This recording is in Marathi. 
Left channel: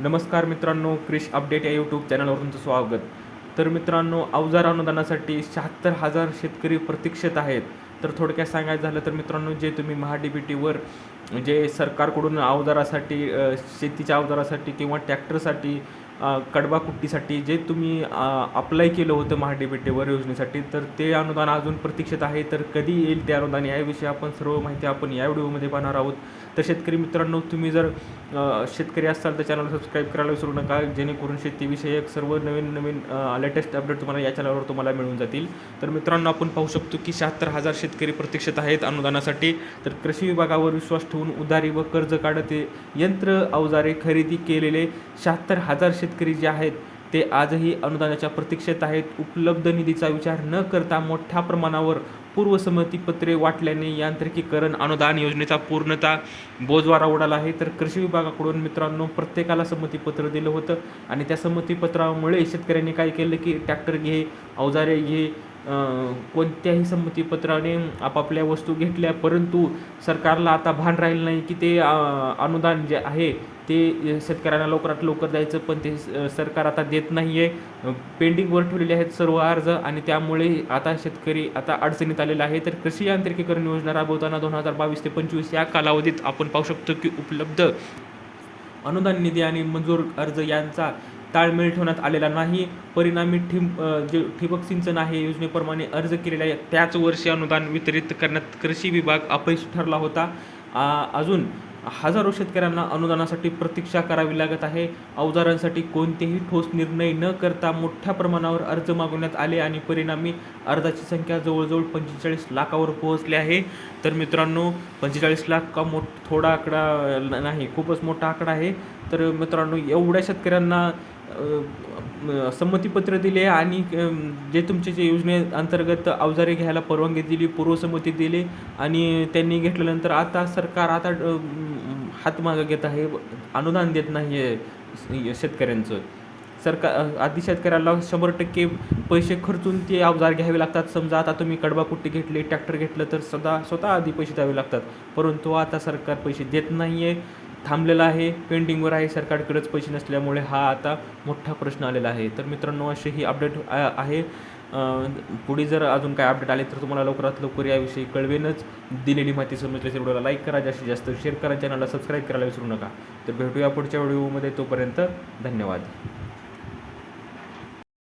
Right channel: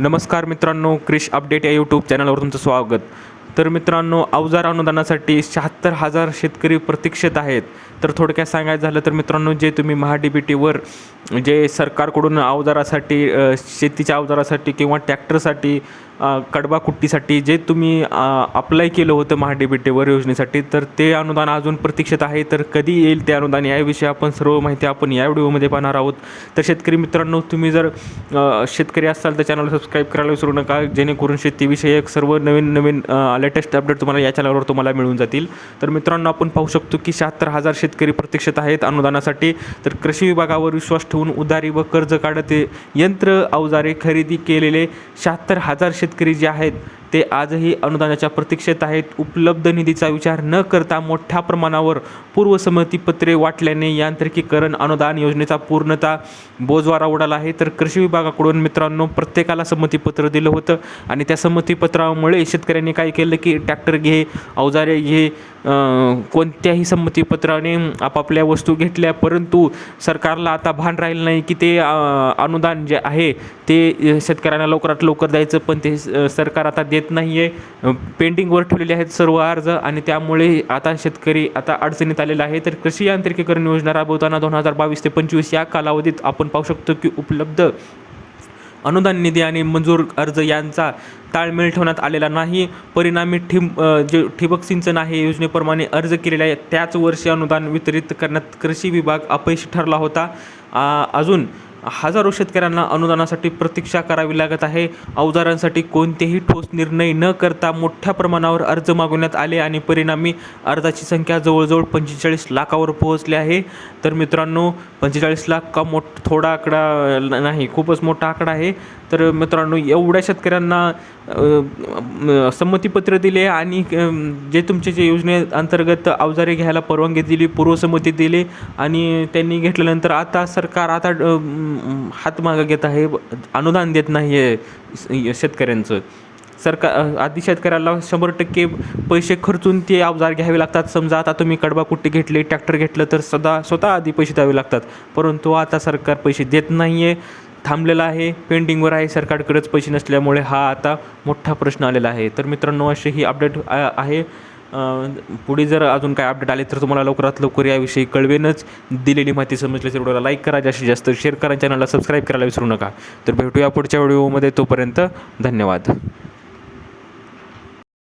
नमस्कार मित्रांनो, क्रिश अपडेट या यूट्यूब चॅनलवर तुमचं स्वागत. तर मित्रांनो, अवजार अनुदानासाठी 76,000 शेतकरी प्रतीक्षेत आहेत. तर थोडक्यात सांगायचं झालं तर मित्रांनो, जे तुम्ही महा-डी-बी-टीवर जे सरकारकडून अवजारासाठी शेतीच्या अवजारासाठी किंवा ट्रॅक्टरसाठी कडबा कुट्टीसाठी जे तुम्ही अप्लाय केलं होतं महा-डी-बी-टीवर योजनेसाठी, तर ते अनुदान अजून प्रतीक्षेत आहे. तर कधी येईल ते अनुदान याविषयी आपण सर्व माहिती आपण या व्हिडिओमध्ये पाहणार आहोत. तर शेतकरी मित्रांनो, तुम्ही जर शेतकरी असाल तर चॅनल सबस्क्राईब करायला विसरू नका, जेणेकरून शेतीविषयक सर्व नवीन लेटेस्ट अपडेट तुम्हाला या चॅनलवर तुम्हाला मिळून जातील. तर मित्रांनो, आपण पाहू शकतो की 76,000 शेतकरी प्रतीक्षेत आहेत अनुदानासाठी. तर कृषी विभागावर विश्वास ठेवून उधारी व कर्ज काढत यंत्र अवजारे खरेदी केलेले 76,000 शेतकरी जे आहेत ते आजही अनुदानाच्या प्रतीक्षेत आहेत. उपलब्ध निधीचा विचार न करता मोठ्या प्रमाणावर पूर्वसंमतीपत्रे वाटल्याने यांत्रिकीकरण अनुदान योजनेचा पूर्णतः बोजवारा उडाला आहे. तर कृषी विभागाकडून मित्रांनो प्रत्येकाला संमतीपत्र दिलं होतं आणि त्या संमतीपत्रामुळे शेतकऱ्यांनी काय केलं की ट्रॅक्टर घे, अवजारे घे, कोणत्याही संमतीपत्राने आपापल्या वस्तू घेतल्या. परंतु सरकारला आता भान राहिलं नाही की ते अनुदान जे आहे ते शेतकऱ्यांना लवकरात लवकर द्यायचं, पण ते सरकार आता देत नाही आहे. पेंडिंगवर ठेवलेले आहेत सर्व अर्ज आणि त्यामुळे आता शेतकरी आता अडचणीत आलेला आहे. तर कृषी यांत्रिकीकरण योजना राबवताना 2022 ते 2025 या कालावधीत आपण पाहू शकतो की उपलब्ध अनुदान निधी आणि मंजूर अर्ज यांचा ताळमेळ ठेवण्यात आलेला नाही. परिणामी जे ठिबक सिंचन आहे योजनेप्रमाणे अर्ज केलेले आहे त्याच वर्षी अनुदान वितरित करण्यात कृषी विभाग अपयशी ठरला होता. अजून हजारो शेतकऱ्यांना अनुदानासाठी प्रतीक्षा करावी लागत आहे. अवजारांसाठी कोणतेही ठोस निर्णय न करता मोठ्या प्रमाणावर अर्ज मागवण्यात आले आणि परिणामी अर्जाची संख्या जवळजवळ 45 लाखावर पोहोचली आहे. तर मित्रांनो, 45 लाख का थोडा आकडा नाही, खूपच मोठा आकडा आहे. तर मित्रांनो, एवढ्या शेतकऱ्यांना संमतीपत्र दिले आणि जे तुमचे जे योजनेअंतर्गत अवजारे घ्यायला परवानगी दिली, पूर्वसंमती दिली आणि त्यांनी घेतल्यानंतर आता सरकार आता हात मागं घेत आहे, अनुदान देत नाही आहे शेतकऱ्यांचं. आधी शेतकऱ्याला 100% पैसे खर्चून ते अवजार घ्यावे लागतात. समजा आता तुम्ही कडबा कुट्टी घेतली, ट्रॅक्टर घेतलं तर स्वतः आधी पैसे द्यावे लागतात. परंतु आता सरकार पैसे देत नाही आहे, थांबलेला आहे, पेंडिंगवर आहे. सरकारकडेच पैसे नसल्यामुळे हा आता मोठा प्रश्न आलेला आहे. तर मित्रांनो, असे ही अपडेट आहे. पुढे जर अजून काय अपडेट आले तर तुम्हाला लवकरात लवकर याविषयी कळवेनच. दिलेली माहिती समजली तर व्हिडिओला लाईक करा, जास्तीत जास्त शेअर करा, चॅनलला सबस्क्राईब करायला विसरू नका. तर भेटूया पुढच्या व्हिडिओमध्ये. तोपर्यंत धन्यवाद.